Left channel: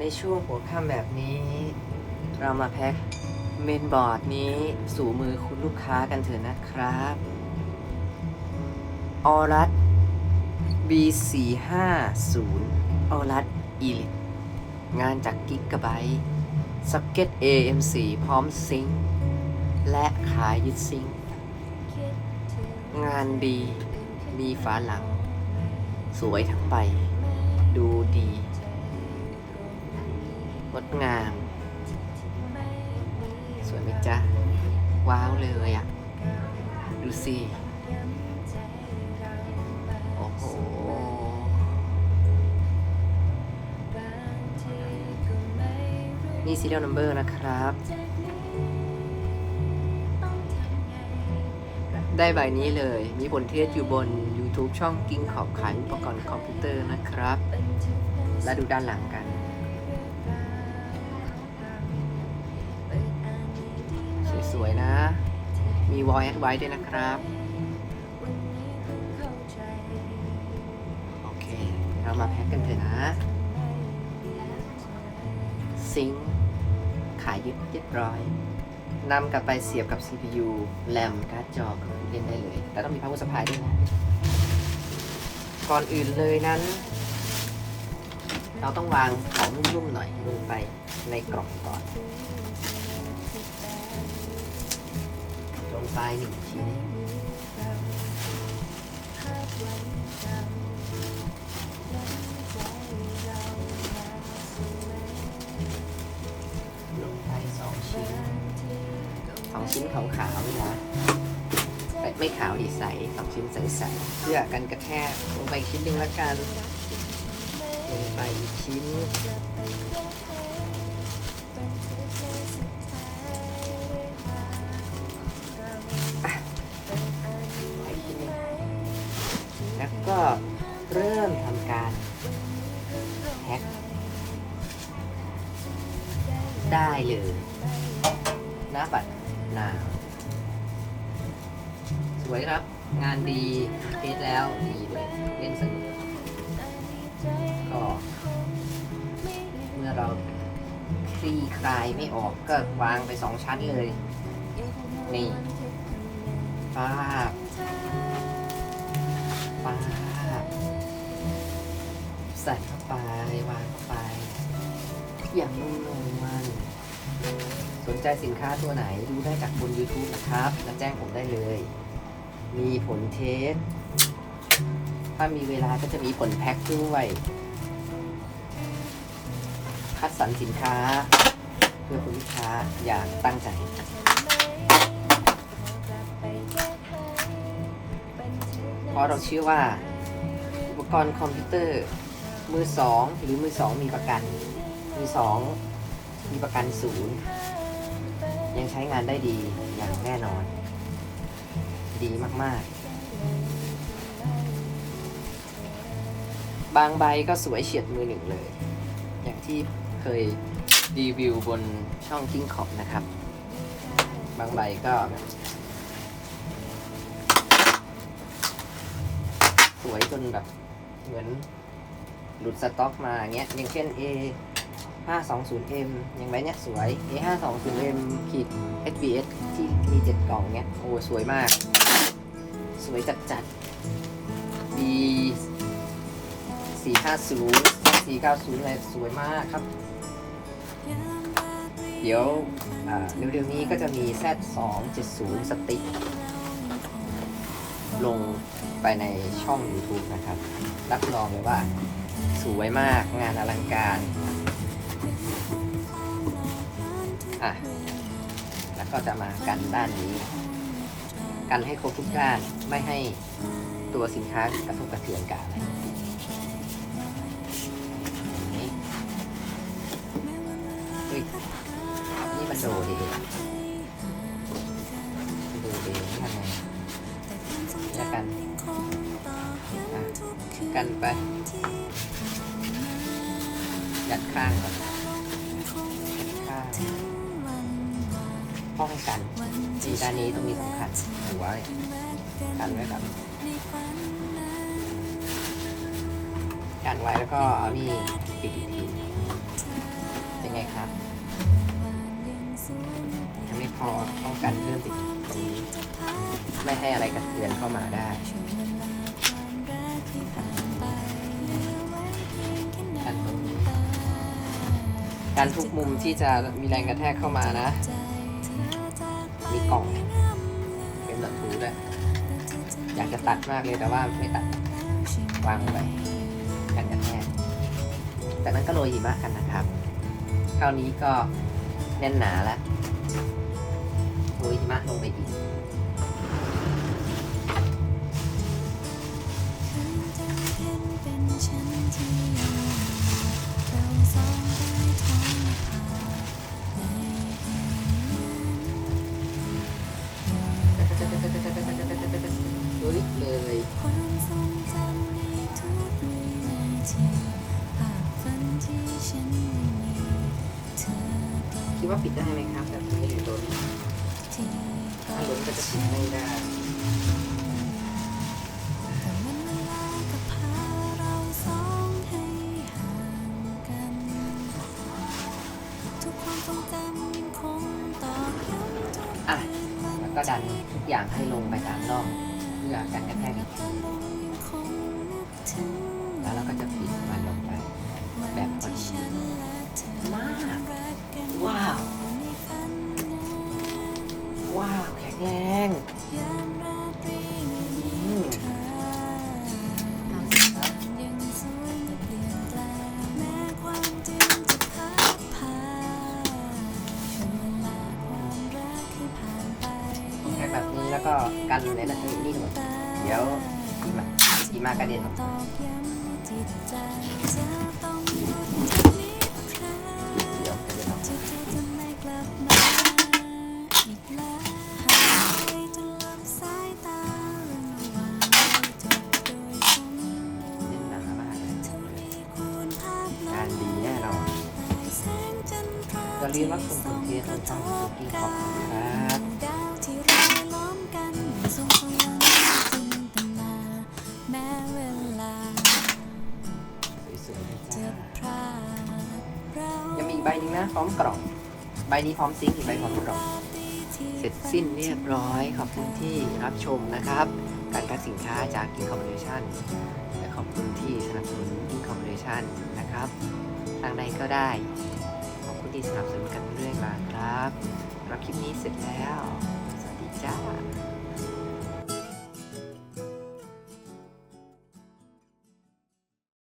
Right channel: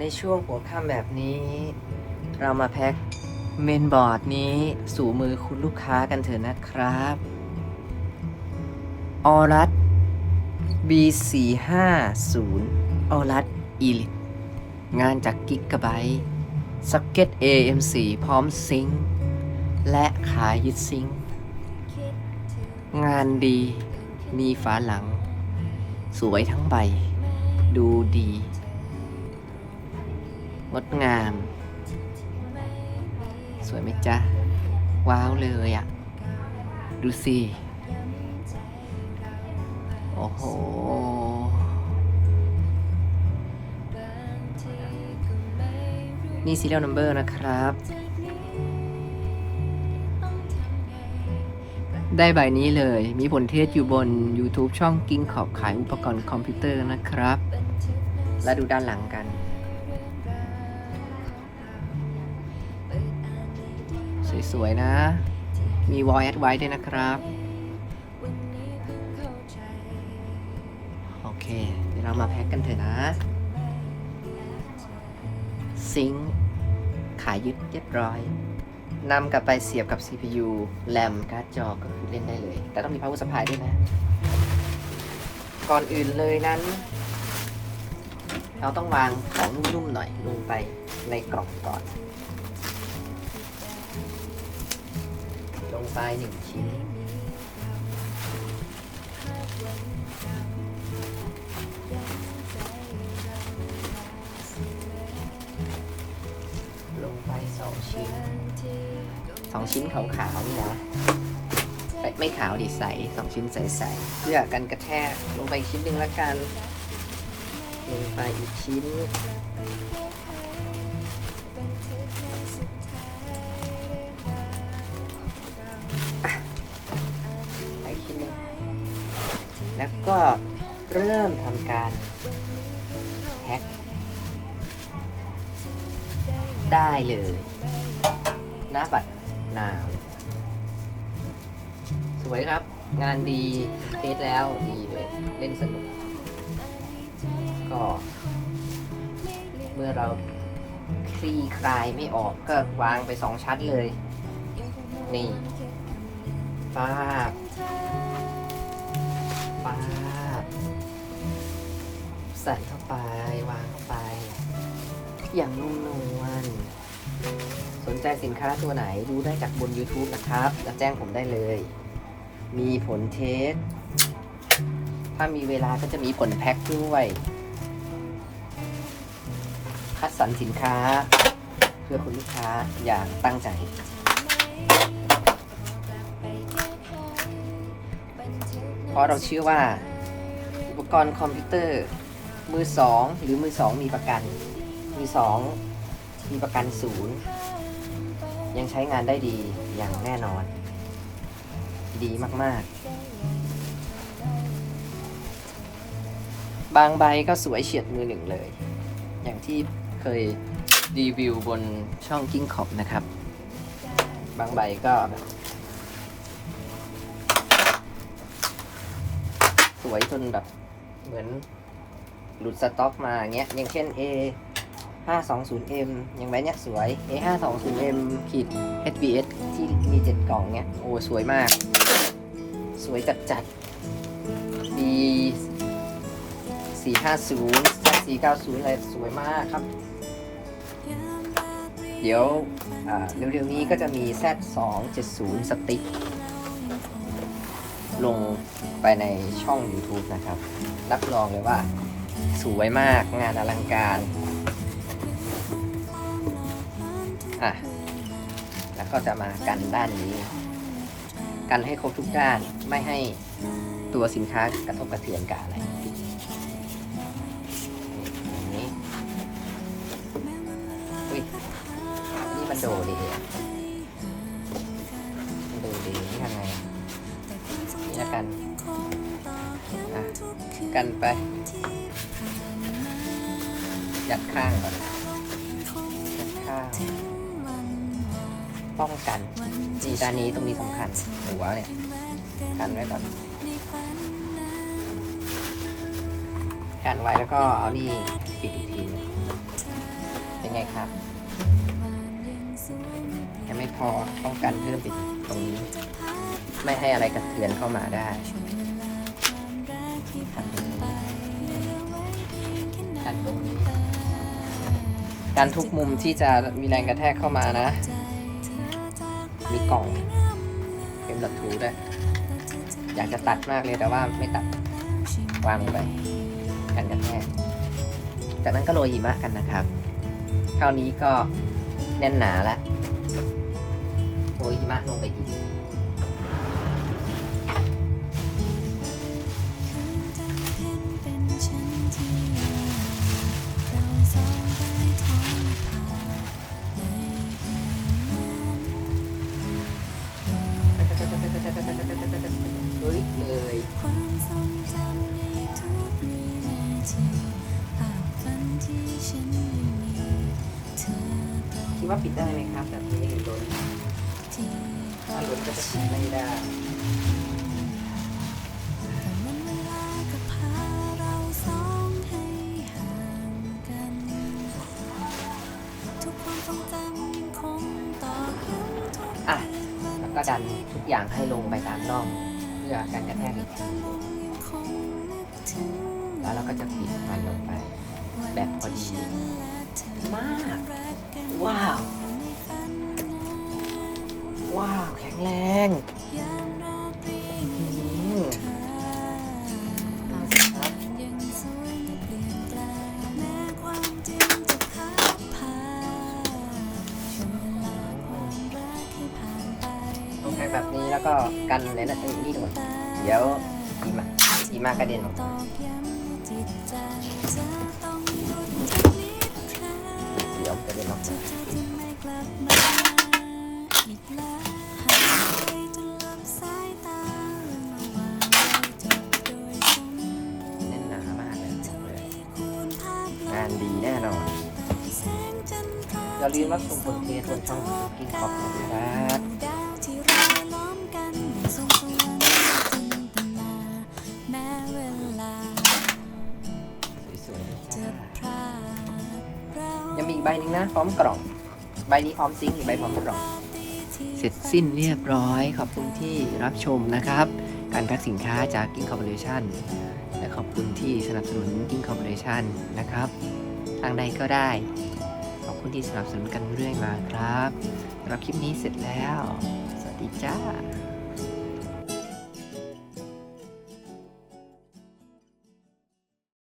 ในช่วงหัวค่ำแบบนี้ เรามาแพ็คเมนบอร์ดนี้สู่มือคุณลูกค้ากันเถอะนะครับออรัส B450 ออรัส Elite งานจากกิกะไบต์ซ็อกเก็ต AM4 พร้อมซิงค์และขายึดซิงค์งานดี มีฝาหลัง สวยทั้งใบ ดูดี ดงาม สวยไหมจ๊ะ ว้าวเลยอะ ดูสิโอ้โหนี่ serial number นะครับ ได้ใบนี้เลย มีผลเทศอยู่บน YouTube ช่องกิ้งขอบขายอุปกรณ์คอมพิวเตอร์นะครับ และดูด้านหลังกัน สวยนะ มีวอลแอดไว้ด้วยนะครับ โอเค เรามาแพ็กกันเถอะนะ ซิงขายยึดเรียบร้อยนำกลับไปเสียบกับ CPU แรมการ์ดจอเล่นได้เลย แต่ต้องมี power supply ด้วยนะ ก่อนอื่นเลยนั้น เราต้องวางของนุ่หน่อยลงไปในกล่องก่อน ลงไปหนึ่งชิ้นลงไปสองชิ้นสองชิ้นขาวๆนี่นะไม่ขาวดีใสสองชิ้นใสๆเพื่อกันกระแทกลงไปชิ้นหนึ่งละกันลงไปชิ้น เลยหน้าปัดนาวสวยครับ งานดีเทสแล้วดีเลยเล่นสนุกก็เมื่อเราคลี่คลายไม่ออกก็วางไปสองชั้นเลย นี่ฟาบฟาใส่เข้าไป วางเข้าไปอย่างนุ่มนวล สนใจสินค้าตัวไหนดูได้จากบน YouTube นะครับแล้วแจ้งผมได้เลย มีผลเทส ถ้ามีเวลาก็จะมีผลแพ็คด้วย คัดสรรสินค้า เพื่อคุณลูกค้าอย่างตั้งใจเพราะเราเชื่อว่า อุปกรณ์คอมพิวเตอร์ มือสองหรือมือสองมีประกันมือสอง มีประกันศูนย์ยังใช้งานได้ดีอย่างแน่นอน ดีมากๆ บางใบก็สวยเฉียดมือหนึ่งเลย อย่างที่เคยรีวิวบนช่องกิ้งขอบนะครับ บางใบก็ สวยจนแบบเหมือนหลุดสต็อกมาอย่างเงี้ยอย่างเช่น A 520M อย่างไรเนี่ยสวย A 520M ขีด SBS ที่มีเจ็ดกล่องเนี้ยโอ้สวยมาก สวยจัดจัด D 450 490อะไรสวยมากครับ เดี๋ยวเร็วๆนี้ก็จะมี Z270 สติ๊กลงไปในช่อง YouTube นะครับ รับรองเลยว่า สวยมากงานอลังการ อะ แล้วก็จะมากันด้านนี้ กันให้ครบทุกด้าน ไม่ให้ตัวสินค้ากระทบกระเทือนกันอะไรอย่างนี้อุ๊ยนี่มันโดดีโดดีทำไงแล้วกันอะกันไปจัดข้างก่อน การนี้ตรงนี้สำคัญหัวเลการไว้แบบการไว้แล้วก็เอานี่ปิดอีกทีเป็นไงครับจะไม่พอต้องกันเรื่องติดไม่ให้อะไรกับเรียนเข้ามาได้การทุกมุมที่จะมีแรงกระแทกเข้ามานะ อยากจะตัดมากเลยแต่ว่าไม่ตัดวางไว้กันกระแทกจากนั้นก็โรยหิมะกันนะครับคราวนี้ก็แน่นหนาละโรยหิมะลงไปอีกคืนจันทร์เพ็ญเป็นฉันที่ คิดว่าปิดได้ไหมครับแบบนที่กอถ้าโดนดปิดไม่ได้แต่มันเวลาก็พาเราสองให้ห่างกันทุกความทรงจำยังคงตอกย้ำทุกอะคืนวันแล้วก็ดันทุกอย่างให้ลงไปทางนอกเพื่อกันกระแทกหลับตาลงยังคงนึกถึงแล้วเราก็จะปิดมันลงไปแบบพอที่ดี กนิทราเดี๋ยวกระเด็นออกที่เธอจะไม่กลับมาอีกแล้วหายไปจนลับสายตาเรื่องระหว่า มกล่องใบนี้พร้อมซิงค์อีกใบพร้อมกล่องเสร็จสิ้นเรียบร้อยขอบคุณที่รับชมนะครับ การแพ็คสินค้าจาก Incorporation และขอบคุณที่สนับสนุนยิงคอมบูเดชั่นะครับทางใดก็ได้ที่สนับสนุน